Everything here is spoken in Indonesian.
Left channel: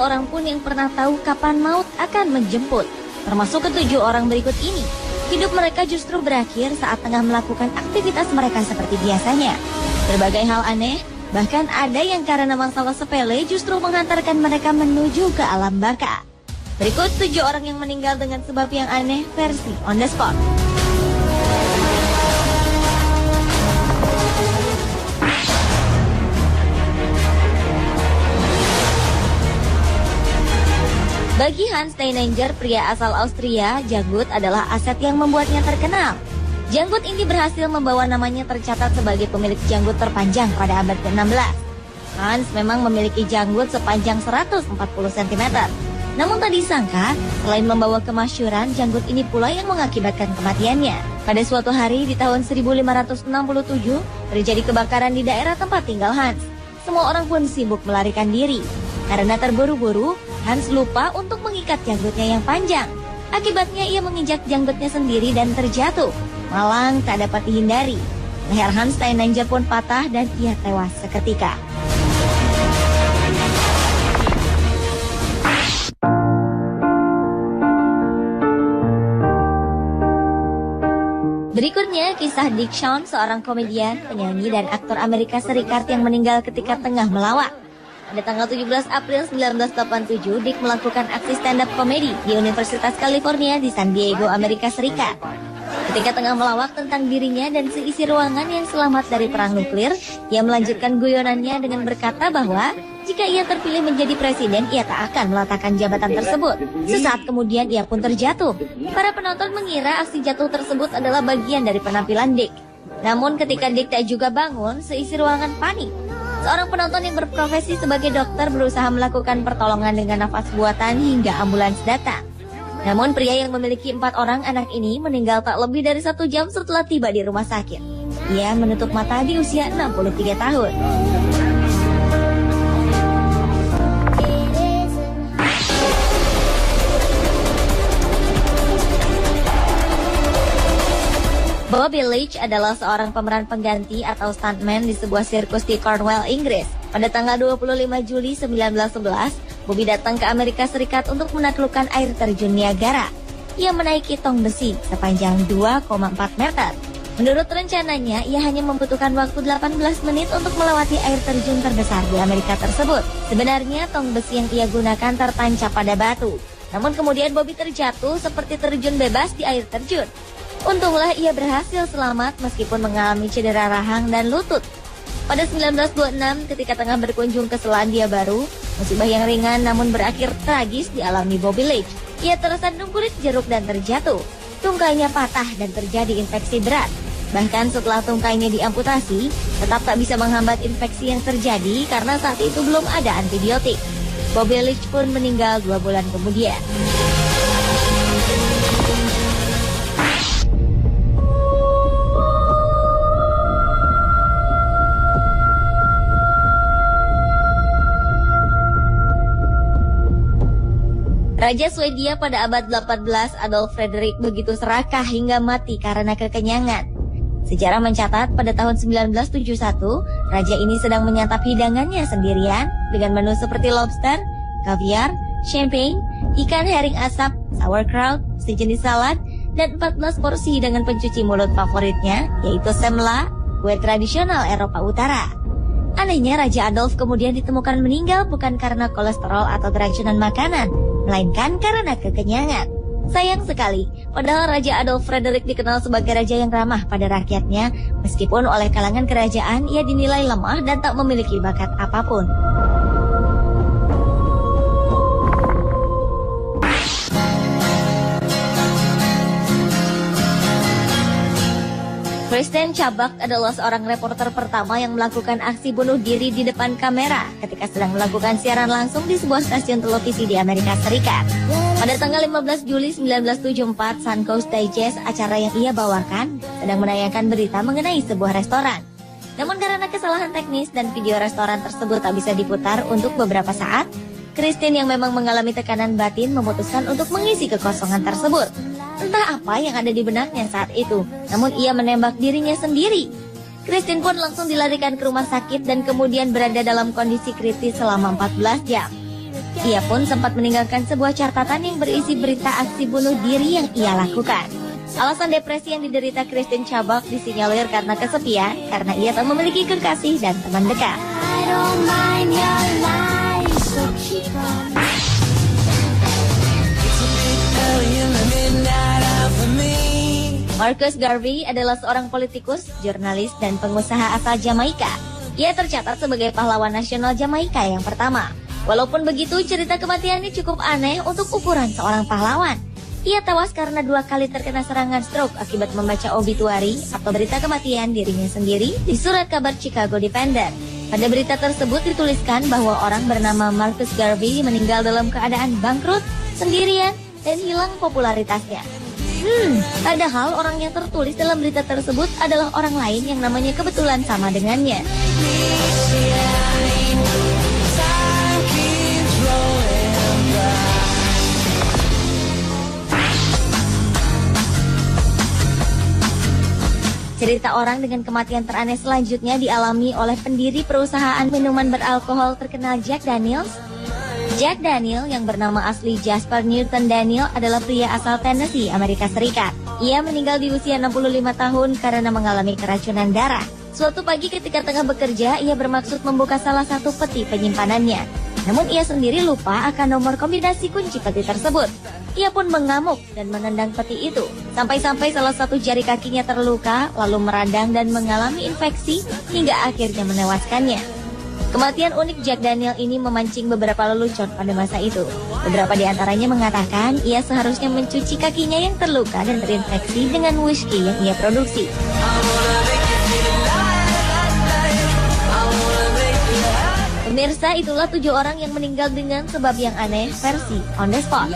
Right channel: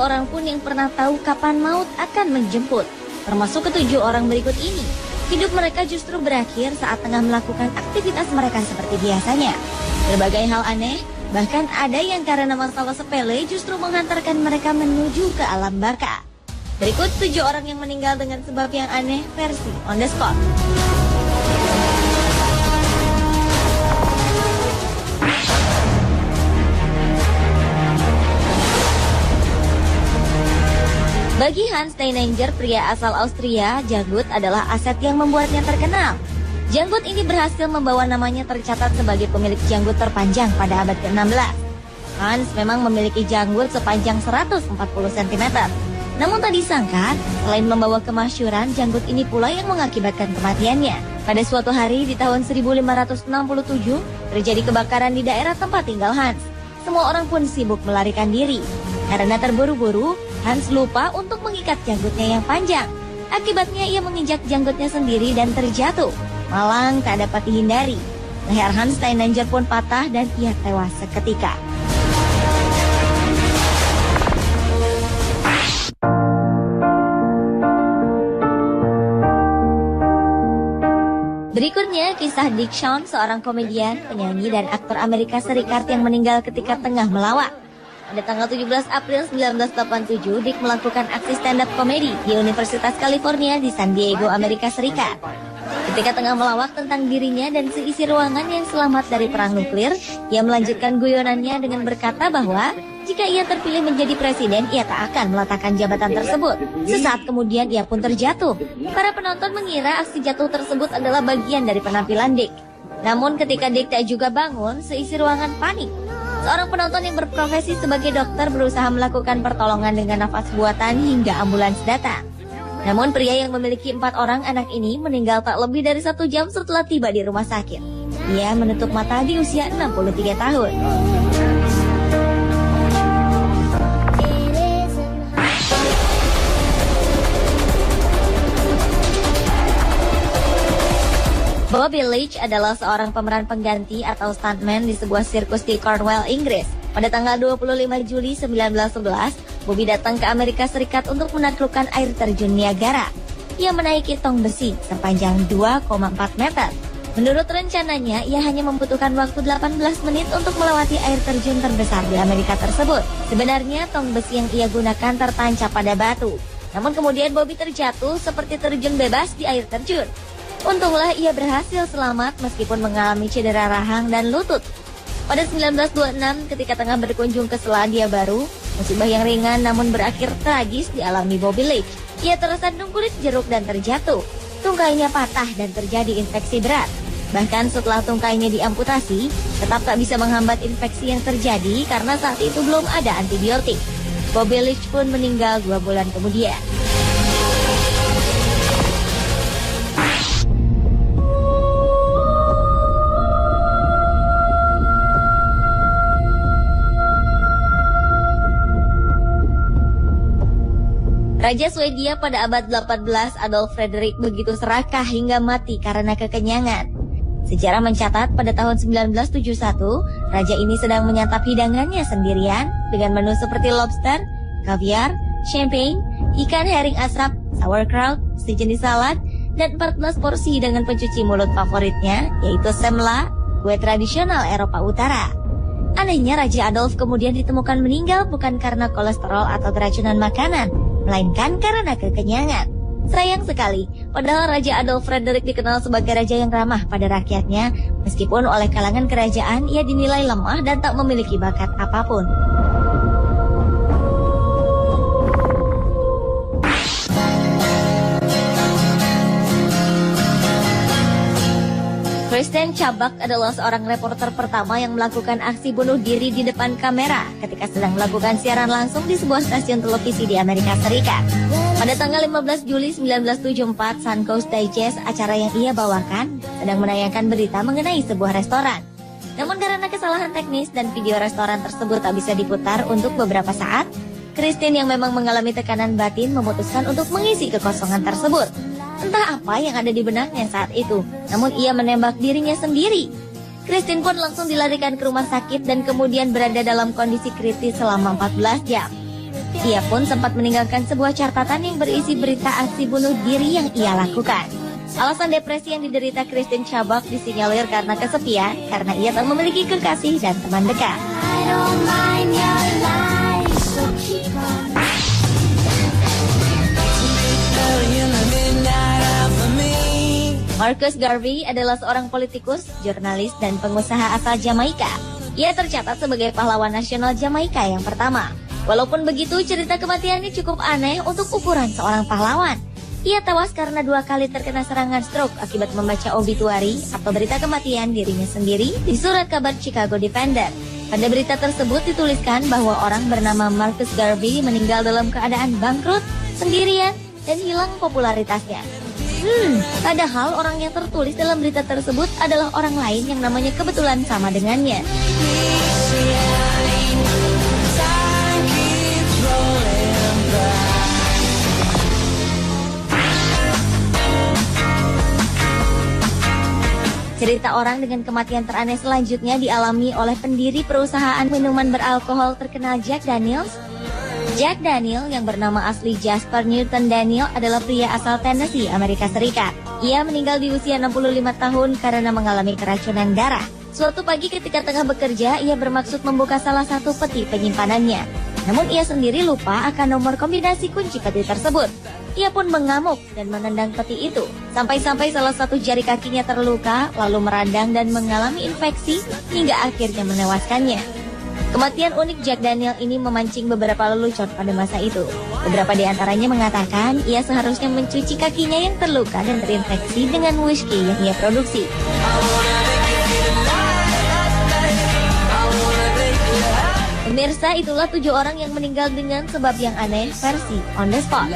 seorang pun yang pernah tahu kapan maut akan menjemput, termasuk ketujuh orang berikut ini. Hidup mereka justru berakhir saat tengah melakukan aktivitas mereka seperti biasanya. Berbagai hal aneh, bahkan ada yang karena masalah sepele justru menghantarkan mereka menuju ke alam baka. Berikut 7 orang yang meninggal dengan sebab yang aneh versi on the spot. Bagi Hans Steininger, pria asal Austria, janggut adalah aset yang membuatnya terkenal. Janggut ini berhasil membawa namanya tercatat sebagai pemilik janggut terpanjang pada abad ke-16. Hans memang memiliki janggut sepanjang 140 cm. Namun tak disangka, selain membawa kemasyhuran, janggut ini pula yang mengakibatkan kematiannya. Pada suatu hari di tahun 1567, terjadi kebakaran di daerah tempat tinggal Hans. Semua orang pun sibuk melarikan diri. Karena terburu-buru, Hans lupa untuk mengikat janggutnya yang panjang. Akibatnya ia menginjak janggutnya sendiri dan terjatuh. Malang tak dapat dihindari. Leher Hans Steininger pun patah dan ia tewas seketika. Berikutnya, kisah Dick Shawn, seorang komedian, penyanyi, dan aktor Amerika Serikat yang meninggal ketika tengah melawak. Pada tanggal 17 April 1987, Dick melakukan aksi stand-up komedi di Universitas California di San Diego, Amerika Serikat. Ketika tengah melawak tentang dirinya dan seisi ruangan yang selamat dari perang nuklir, ia melanjutkan guyonannya dengan berkata bahwa jika ia terpilih menjadi presiden, ia tak akan meletakkan jabatan tersebut. Sesaat kemudian ia pun terjatuh. Para penonton mengira aksi jatuh tersebut adalah bagian dari penampilan Dick. Namun ketika Dick tak juga bangun, seisi ruangan panik. Seorang penonton yang berprofesi sebagai dokter berusaha melakukan pertolongan dengan nafas buatan hingga ambulans datang. Namun pria yang memiliki 4 orang anak ini meninggal tak lebih dari 1 jam setelah tiba di rumah sakit. Ia menutup mata di usia 63 tahun. Bobby Leach adalah seorang pemeran pengganti atau stuntman di sebuah sirkus di Cornwall, Inggris. Pada tanggal 25 Juli 1911, Bobby datang ke Amerika Serikat untuk menaklukkan air terjun Niagara. Ia menaiki tong besi sepanjang 2,4 meter. Menurut rencananya, ia hanya membutuhkan waktu 18 menit untuk melewati air terjun terbesar di Amerika tersebut. Sebenarnya, tong besi yang ia gunakan tertancap pada batu. Namun kemudian Bobby terjatuh seperti terjun bebas di air terjun. Untunglah ia berhasil selamat meskipun mengalami cedera rahang dan lutut. Pada 1926 ketika tengah berkunjung ke Selandia Baru, musibah yang ringan namun berakhir tragis dialami Bobby Leach. Ia tersandung kulit jeruk dan terjatuh. Tunggainya patah dan terjadi infeksi berat. Bahkan setelah tungkainya diamputasi, tetap tak bisa menghambat infeksi yang terjadi karena saat itu belum ada antibiotik. Bobby Leach pun meninggal 2 bulan kemudian. Raja Swedia pada abad 18, Adolf Fredrik begitu serakah hingga mati karena kekenyangan. Sejarah mencatat pada tahun 1971, raja ini sedang menyantap hidangannya sendirian dengan menu seperti lobster, kaviar, champagne, ikan herring asap, sauerkraut, sejenis salad, dan 14 porsi dengan pencuci mulut favoritnya, yaitu semla, kue tradisional Eropa Utara. Anehnya, Raja Adolf kemudian ditemukan meninggal bukan karena kolesterol atau keracunan makanan, melainkan karena kekenyangan. Sayang sekali, padahal Raja Adolf Fredrik dikenal sebagai raja yang ramah pada rakyatnya, meskipun oleh kalangan kerajaan ia dinilai lemah dan tak memiliki bakat apapun. Kristen Chabak adalah seorang reporter pertama yang melakukan aksi bunuh diri di depan kamera ketika sedang melakukan siaran langsung di sebuah stasiun televisi di Amerika Serikat. Pada tanggal 15 Juli 1974, Suncoast Digest, acara yang ia bawakan, sedang menayangkan berita mengenai sebuah restoran. Namun karena kesalahan teknis dan video restoran tersebut tak bisa diputar untuk beberapa saat, Kristen yang memang mengalami tekanan batin memutuskan untuk mengisi kekosongan tersebut. Entah apa yang ada di benaknya saat itu, namun ia menembak dirinya sendiri. Kristen pun langsung dilarikan ke rumah sakit dan kemudian berada dalam kondisi kritis selama 14 jam. Ia pun sempat meninggalkan sebuah catatan yang berisi berita aksi bunuh diri yang ia lakukan. Alasan depresi yang diderita Kristen Chabak disinyalir karena kesepian, karena ia tak memiliki kekasih dan teman dekat. Marcus Garvey adalah seorang politikus, jurnalis, dan pengusaha asal Jamaika. Ia tercatat sebagai pahlawan nasional Jamaika yang pertama. Walaupun begitu, cerita kematiannya cukup aneh untuk ukuran seorang pahlawan. Ia tewas karena 2 kali terkena serangan stroke akibat membaca obituari atau berita kematian dirinya sendiri di surat kabar Chicago Independent. Pada berita tersebut dituliskan bahwa orang bernama Marcus Garvey meninggal dalam keadaan bangkrut, sendirian, dan hilang popularitasnya. Padahal orang yang tertulis dalam berita tersebut adalah orang lain yang namanya kebetulan sama dengannya. Cerita orang dengan kematian teraneh selanjutnya dialami oleh pendiri perusahaan minuman beralkohol terkenal Jack Daniels. Jack Daniel yang bernama asli Jasper Newton Daniel adalah pria asal Tennessee, Amerika Serikat. Ia meninggal di usia 65 tahun karena mengalami keracunan darah. Suatu pagi ketika tengah bekerja, ia bermaksud membuka salah satu peti penyimpanannya. Namun ia sendiri lupa akan nomor kombinasi kunci peti tersebut. Ia pun mengamuk dan menendang peti itu. Sampai-sampai salah satu jari kakinya terluka, lalu meradang dan mengalami infeksi hingga akhirnya menewaskannya. Kematian unik Jack Daniel ini memancing beberapa lelucon pada masa itu. Beberapa di antaranya mengatakan ia seharusnya mencuci kakinya yang terluka dan terinfeksi dengan whisky yang ia produksi. Pemirsa, itulah 7 orang yang meninggal dengan sebab yang aneh versi On The Spot.